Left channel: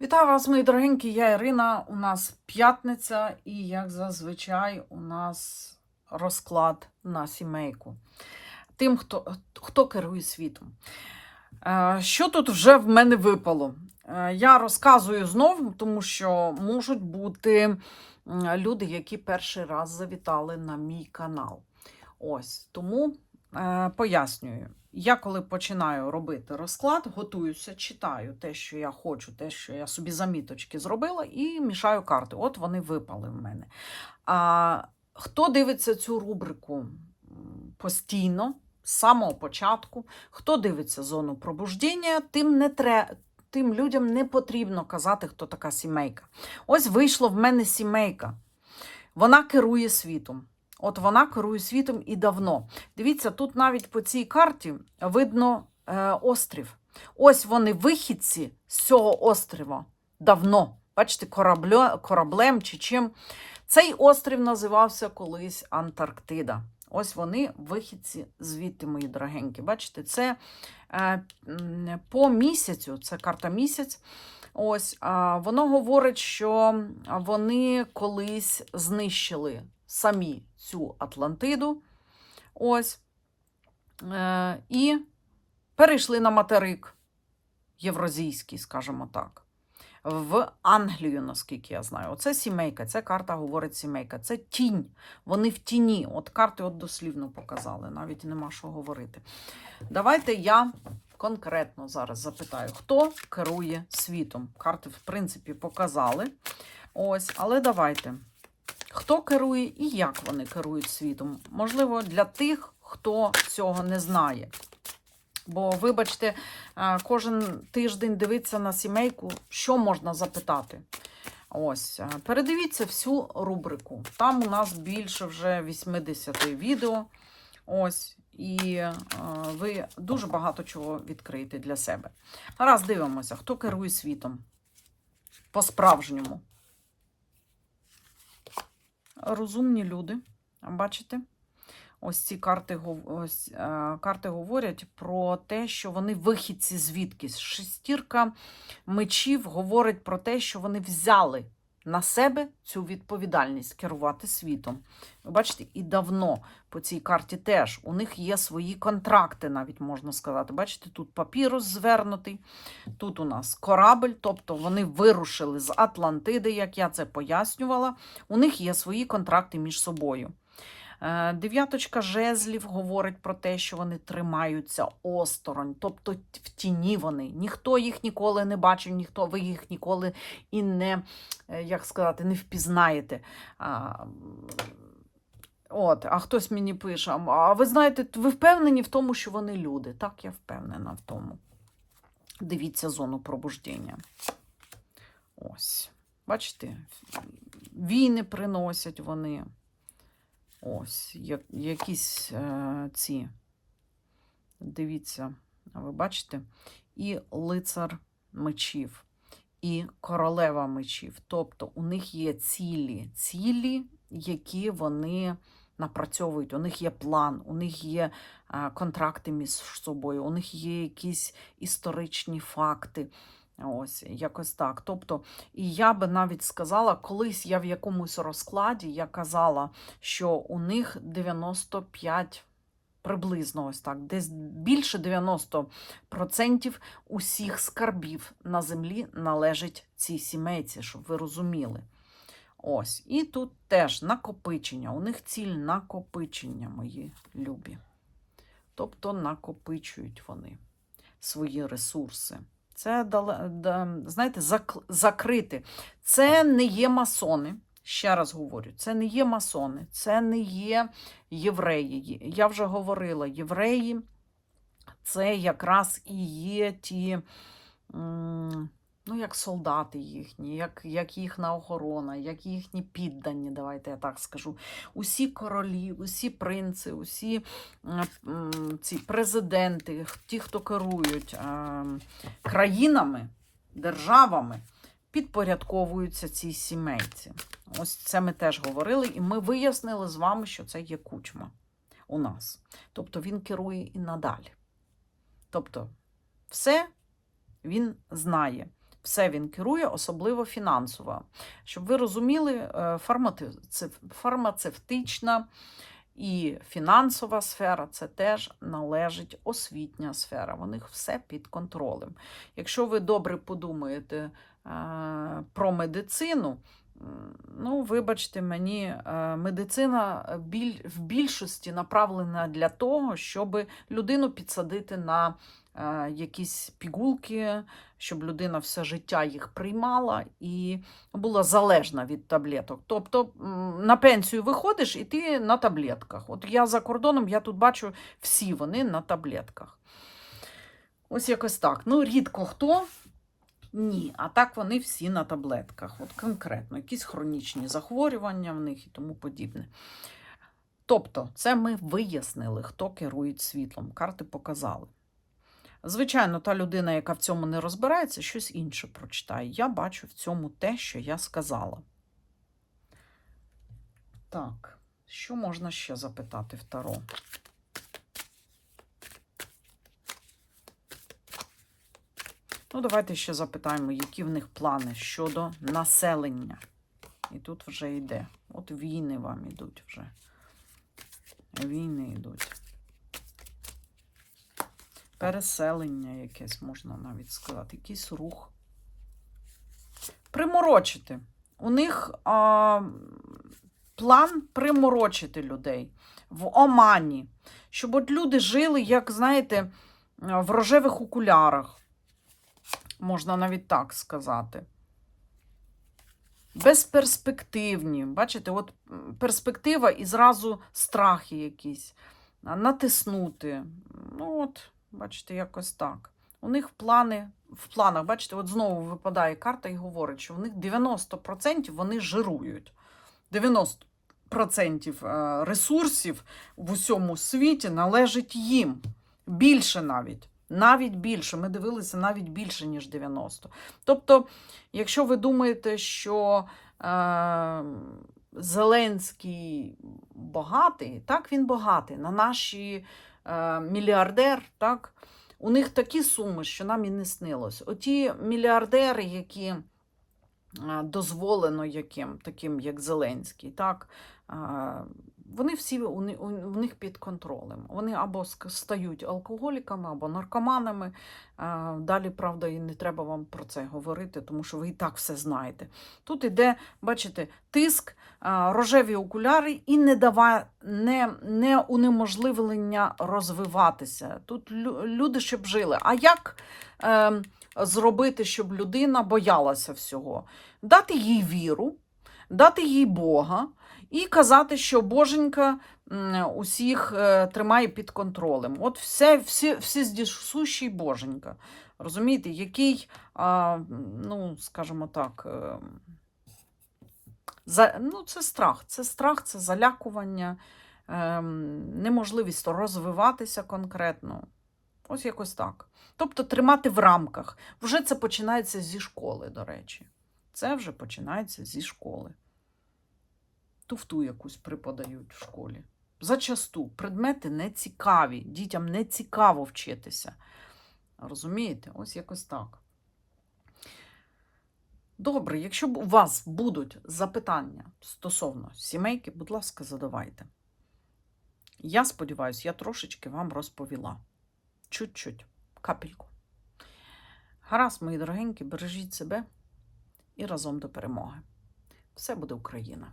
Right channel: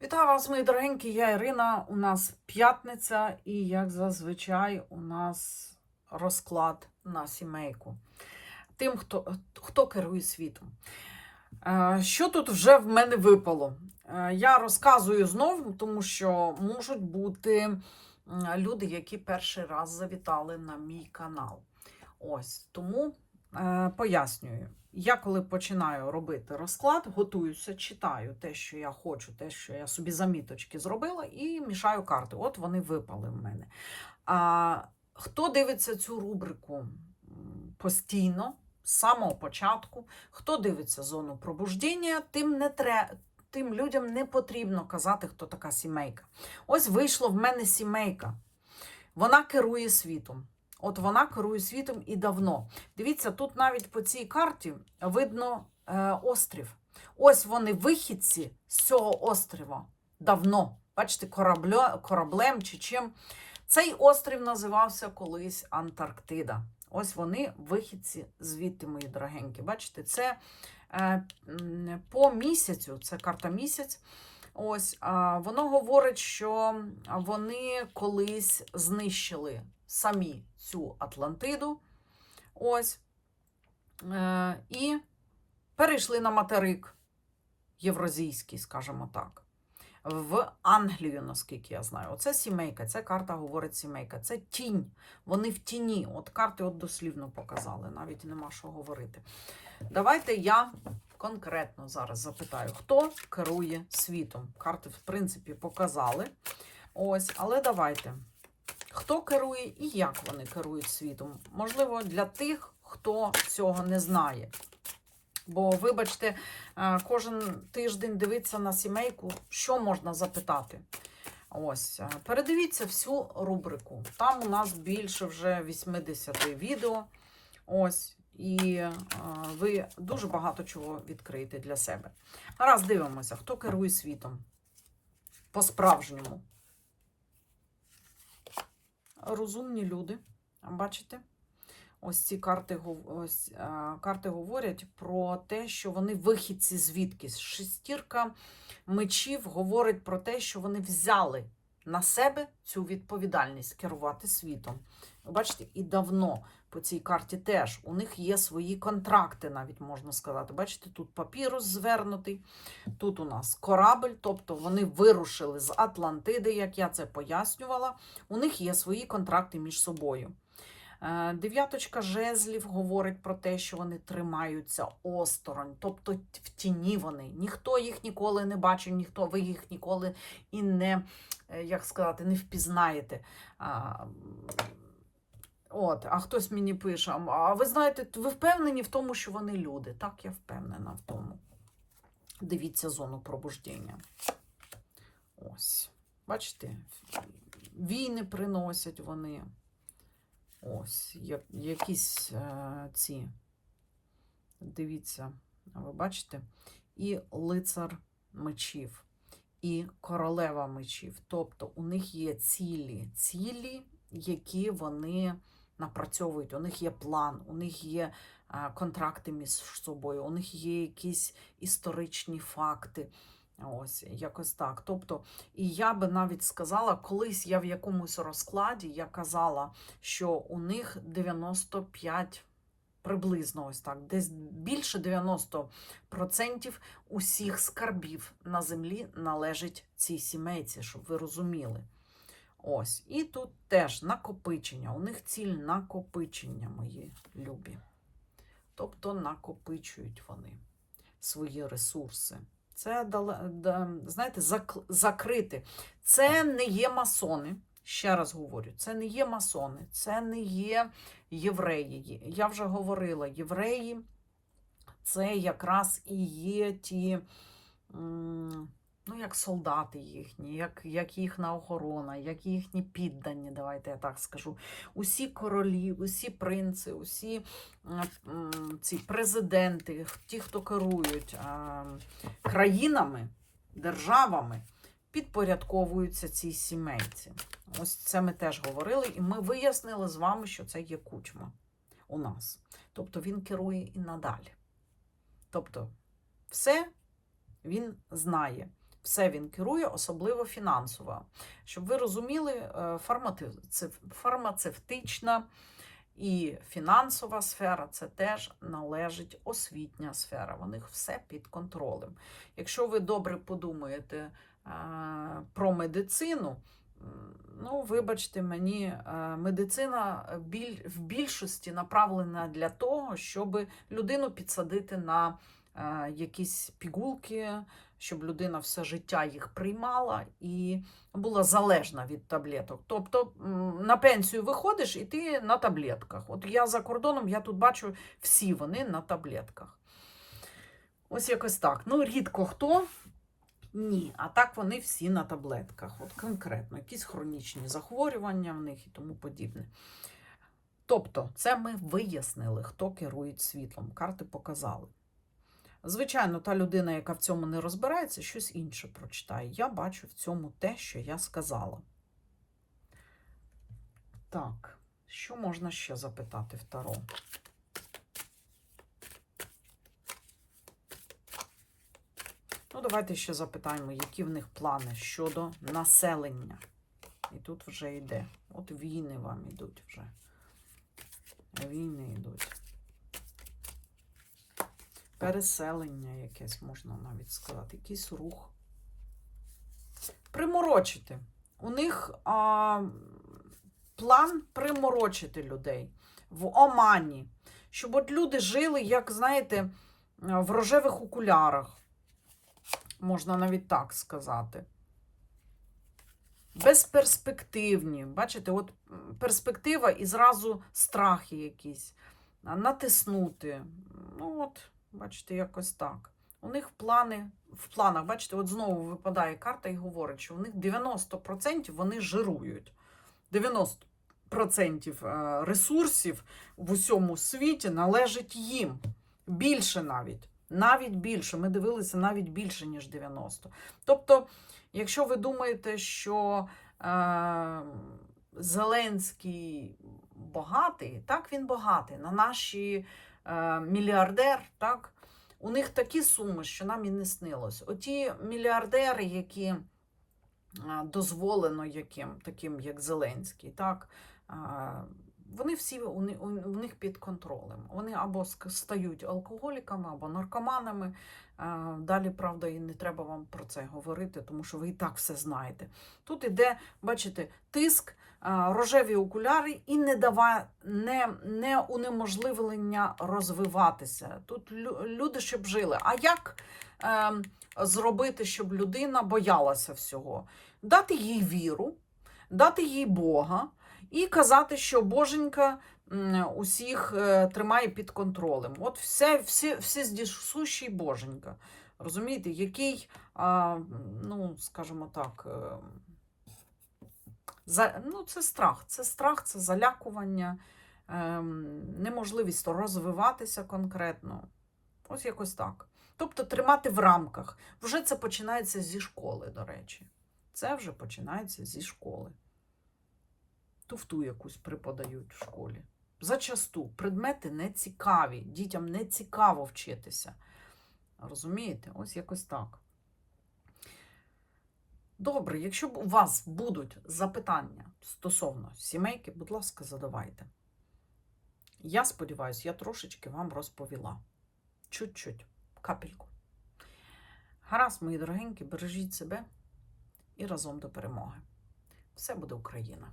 Вітаю вас, мої дорогенькі, я Ірина. У нас п'ятниця, і, як зазвичай, у нас розклад на сімейку. Тим, хто, хто керує світом. Е, Що тут вже в мене випало? Е, Я розказую знову, тому що можуть бути люди, які перший раз завітали на мій канал. Ось тому пояснюю. Я коли починаю робити розклад, готуюся, читаю те, що я хочу, те, що я собі заміточки зробила, і мішаю карти. От вони випали в мене. А хто дивиться цю рубрику постійно, з самого початку, хто дивиться зону пробуждення, тим не тре, тим людям не потрібно казати, хто така сімейка. Ось вийшло в мене сімейка. Вона керує світом. От вона керує світом і давно. Дивіться, тут навіть по цій карті видно е, острів. Ось вони вихідці з цього острова давно. Бачите, кораблю, кораблем чи чим. Цей острів називався колись Антарктида. Ось вони вихідці звідти, мої дорогенькі. Бачите, це е, по місяцю, це карта місяць. Ось воно говорить, що вони колись знищили самі цю Атлантиду. Ось. Е, і перейшли на материк євразійський, скажімо так. В Англію, наскільки я знаю. Оце сімейка, ця карта говорить сімейка. Це тінь. Вони в тіні. От карти от дослівно показали, навіть нема що говорити. Давайте я конкретно зараз запитаю, хто керує світом. Карти, в принципі, показали. Ось, але давайте. Хто керує і як вони керують світом? Можливо, для тих, хто цього не знає. Бо, вибачте, е, кожен тиждень дивиться на сімейку, що можна запитати. Ось, е, передивіться всю рубрику. Там у нас більше вже 80 відео. Ось, і е, ви дуже багато чого відкриєте для себе. Раз дивимося, хто керує світом по-справжньому. Розумні люди, бачите? Ось ці карти, ось, е, карти говорять про те, що вони вихідці звідкись. Шестірка мечів говорить про те, що вони взяли на себе цю відповідальність керувати світом. Ви бачите, і давно по цій карті теж у них є свої контракти, навіть можна сказати. Бачите, тут папірус звернутий, тут у нас корабль, тобто вони вирушили з Атлантиди, як я це пояснювала. У них є свої контракти між собою. Е, Дев'яточка жезлів говорить про те, що вони тримаються осторонь, тобто в тіні вони. Ніхто їх ніколи не бачив, ніхто ви їх ніколи і не, е, як сказати, не впізнаєте. От, а хтось мені пише: а ви знаєте, ви впевнені в тому, що вони люди? Так, я впевнена в тому. Дивіться зону пробуждення. Ось. Бачите, війни приносять вони. Ось, я- якісь е, ці. Дивіться, ви бачите? І лицар мечів, і королева мечів. Тобто у них є цілі, цілі, які вони напрацьовують. У них є план, у них є е, контракти між собою, у них є якісь історичні факти. Ось, якось так. Тобто, і я би навіть сказала, колись я в якомусь розкладі я казала, що у них 95 приблизно ось так, десь більше 90% усіх скарбів на землі належить цій сімейці, щоб ви розуміли. Ось, і тут теж накопичення. У них ціль накопичення, мої любі. Тобто накопичують вони свої ресурси. Це знаєте, закрити. Це не є масони. Ще раз говорю, це не є масони, це не є євреї. Я вже говорила, євреї це якраз і є ті, ну, як солдати їхні, як, як їхня охорона, як їхні піддані, давайте я так скажу. Усі королі, усі принци, усі м, ці президенти, ті, хто керують е, країнами, державами, підпорядковуються цій сімейці. Ось це ми теж говорили, і ми вияснили з вами, що це є кучма у нас. Тобто він керує і надалі. Тобто, все він знає. Все він керує, особливо фінансово. Щоб ви розуміли, е, фармацевтична і фінансова сфера це теж належить освітня сфера. У них все під контролем. Якщо ви добре подумаєте е, про медицину, ну, вибачте мені, е, медицина в більшості направлена для того, щоб людину підсадити на якісь пігулки, щоб людина все життя їх приймала і була залежна від таблеток. Тобто на пенсію виходиш і ти на таблетках. От я за кордоном, я тут бачу, всі вони на таблетках. Ось якось так. Ну, рідко хто. Ні, а так вони всі на таблетках. От конкретно, якісь хронічні захворювання в них і тому подібне. Тобто, це ми вияснили, хто керує світлом. Карти показали. Звичайно, та людина, яка в цьому не розбирається, щось інше прочитає. Я бачу в цьому те, що я сказала. Так, що можна ще запитати в Таро? Ну, давайте ще запитаємо, які в них плани щодо населення. І тут вже йде. От війни вам ідуть вже. Війни йдуть. Переселення якесь, можна навіть сказати, якийсь рух. Приморочити. У них а, план приморочити людей в Омані, щоб от люди жили, як, знаєте, в рожевих окулярах. Можна навіть так сказати. Безперспективні. Бачите, от перспектива і зразу страхи якісь. Натиснути. Ну, от, бачите, якось так. У них плани, в планах, бачите, от знову випадає карта і говорить, що у них 90% вони жирують. 90% е, ресурсів в усьому світі належить їм. Bільше навіть. Навіть більше. Ми дивилися навіть більше, ніж 90. Тобто, якщо ви думаєте, що е, Зеленський багатий, так він багатий. На наші мільярдер, так, у них такі суми, що нам і не снилось. Оті мільярдери, які е, дозволено яким, таким як Зеленський, так, е, вони всі у, у, у них під контролем. Вони або стають алкоголіками, або наркоманами. Е, Далі, правда, і не треба вам про це говорити, тому що ви і так все знаєте. Тут іде, бачите, тиск, е, рожеві окуляри і не, дава, не, не унеможливлення розвиватися. Тут лю- люди щоб жили. А як е, зробити, щоб людина боялася всього? Дати їй віру, дати їй Бога і казати, що Боженька усіх е, тримає під контролем. От все, всі, всі здісущий Боженька. Розумієте, який, а, ну, скажімо так, е, за, ну, це страх. Це страх, це залякування, ем, неможливість розвиватися конкретно. Ось якось так. Тобто тримати в рамках. Вже це починається зі школи, до речі. Це вже починається зі школи. Туфту якусь преподають в школі. Зачасту предмети не цікаві, дітям не цікаво вчитися. Розумієте? Ось якось так. Добре, якщо у вас будуть запитання стосовно сімейки, будь ласка, задавайте. Я сподіваюся, я трошечки вам розповіла. Чуть-чуть, капельку. Гаразд, мої дорогенькі, бережіть себе і разом до перемоги. Все буде Україна!